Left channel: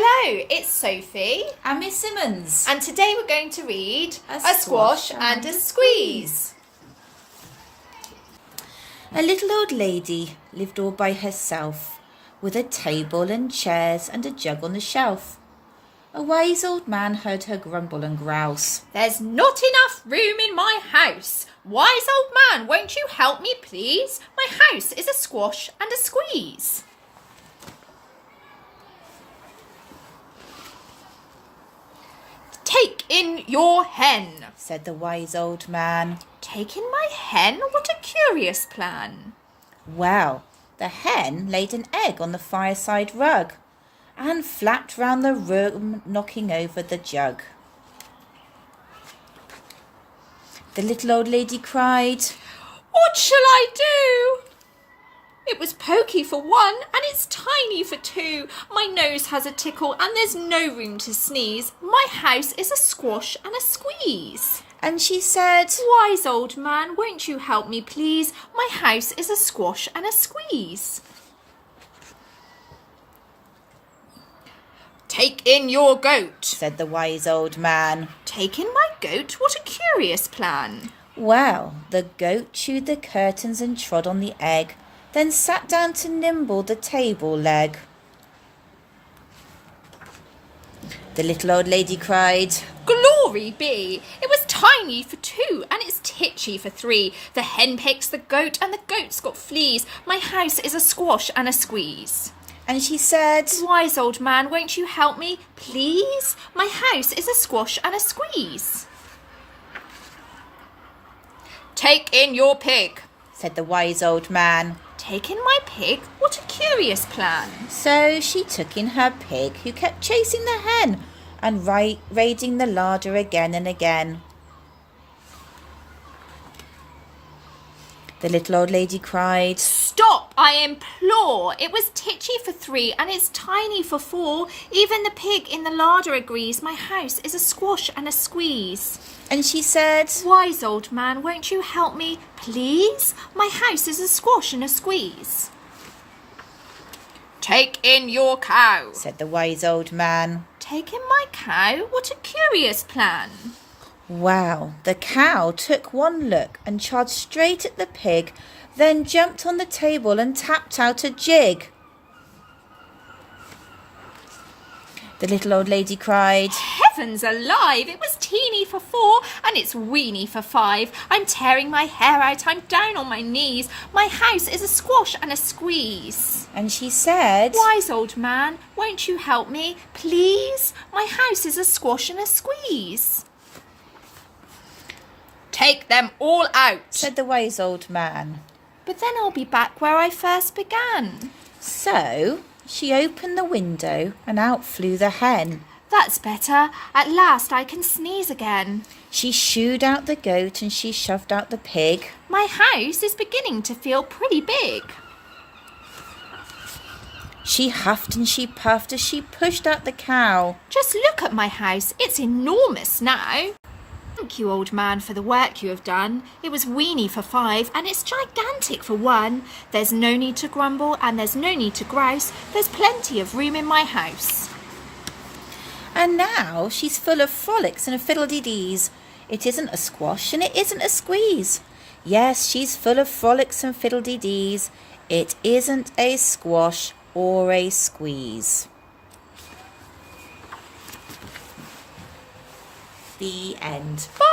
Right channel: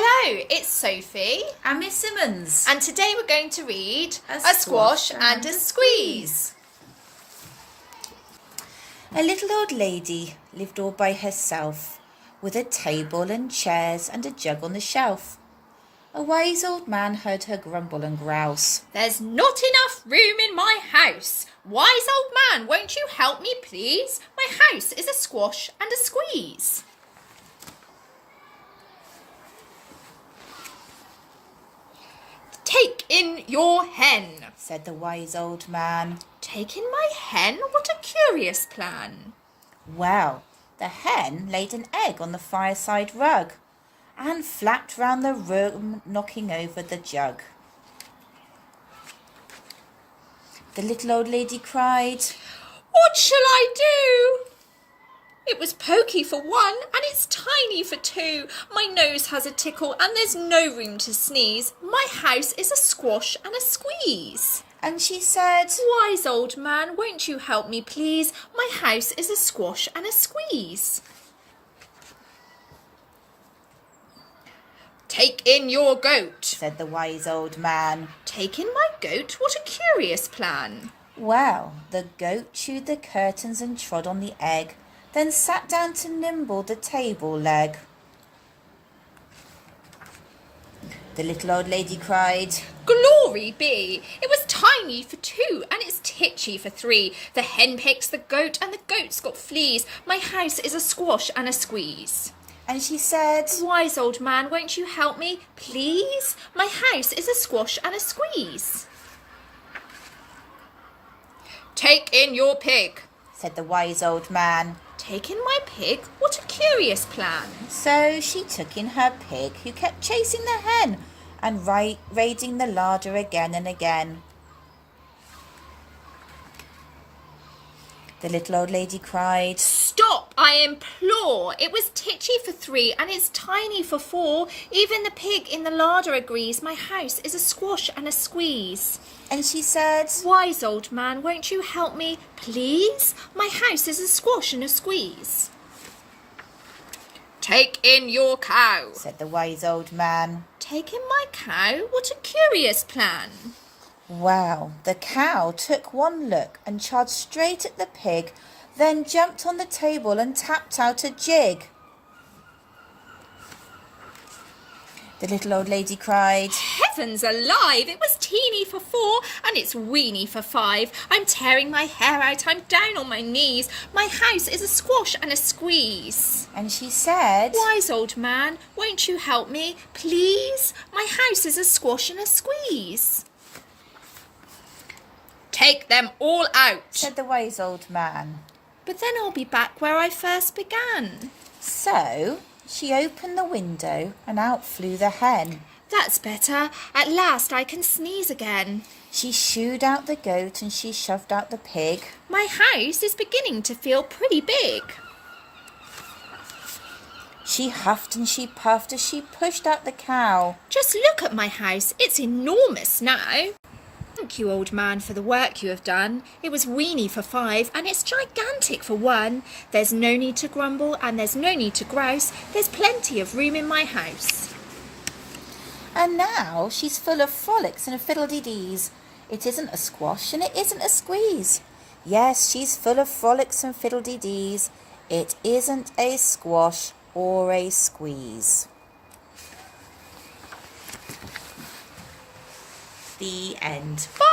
Hello, it's Sophie and Miss Simmons. and today we're going to read A Squash and a Squeeze. A little old lady lived all by herself, with a table and chairs and a jug on the shelf. A wise old man heard her grumble and grouse. There's not enough room in my house. Wise old man, won't you help me, please? My house is a squash and a squeeze. Take in your hen, Said the wise old man. Take in my hen? What a curious plan. Well, the hen laid an egg on the fireside rug and flapped round the room, knocking over the jug. The little old lady cried, What shall I do? It was pokey for one and it's tiny for two. My nose has a tickle and there's no room to sneeze. My house is a squash and a squeeze. and she said, Wise old man, won't you help me, please? My house is a squash and a squeeze. Take in your goat, said the wise old man. Take in my goat? What a curious plan. Well, the goat chewed the curtains and trod on the egg, then sat down to nimble the table leg. The little old lady cried, Glory be! It was tiny for two and it's titchy for three. The hen picks the goat and the goat's got fleas. My house is a squash and a squeeze. and she said, Wise old man, won't you help me, please? My house is a squash and a squeeze. Take in your pig, said the wise old man. Take in my pig? What a curious plan. So she took in her pig, who kept chasing the hen and raiding the larder again and again. The little old lady cried, Stop, I implore. It was titchy for three and it's tiny for four. Even the pig in the larder agrees. My house is a squash and a squeeze. and she said, Wise old man, won't you help me, please? My house is a squash and a squeeze. Take in your cow, said the wise old man. Take in my cow? What a curious plan. Well, the cow took one look and charged straight at the pig, then jumped on the table and tapped out a jig. The little old lady cried, Heavens alive, it was teeny for four and it's weeny for five. I'm tearing my hair out, I'm down on my knees. My house is a squash and a squeeze. and she said, Wise old man, won't you help me, please? My house is a squash and a squeeze. Take them all out, said the wise old man. but then I'll be back where I first began. So she opened the window and out flew the hen. That's better. At last I can sneeze again. She shooed out the goat and she shoved out the pig. My house is beginning to feel pretty big. She huffed and she puffed as she pushed out the cow. Just look at my house. It's enormous now. Thank you, old man, for the work you have done. It was weeny for five and it's gigantic for one. There's no need to grumble and there's no need to grouse. There's plenty of room in my house. And now she's full of frolics and fiddle-dee-dees. It isn't a squash and it isn't a squeeze. Yes, she's full of frolics and fiddle-dee-dees. It isn't a squash or a squeeze. The end. Bye.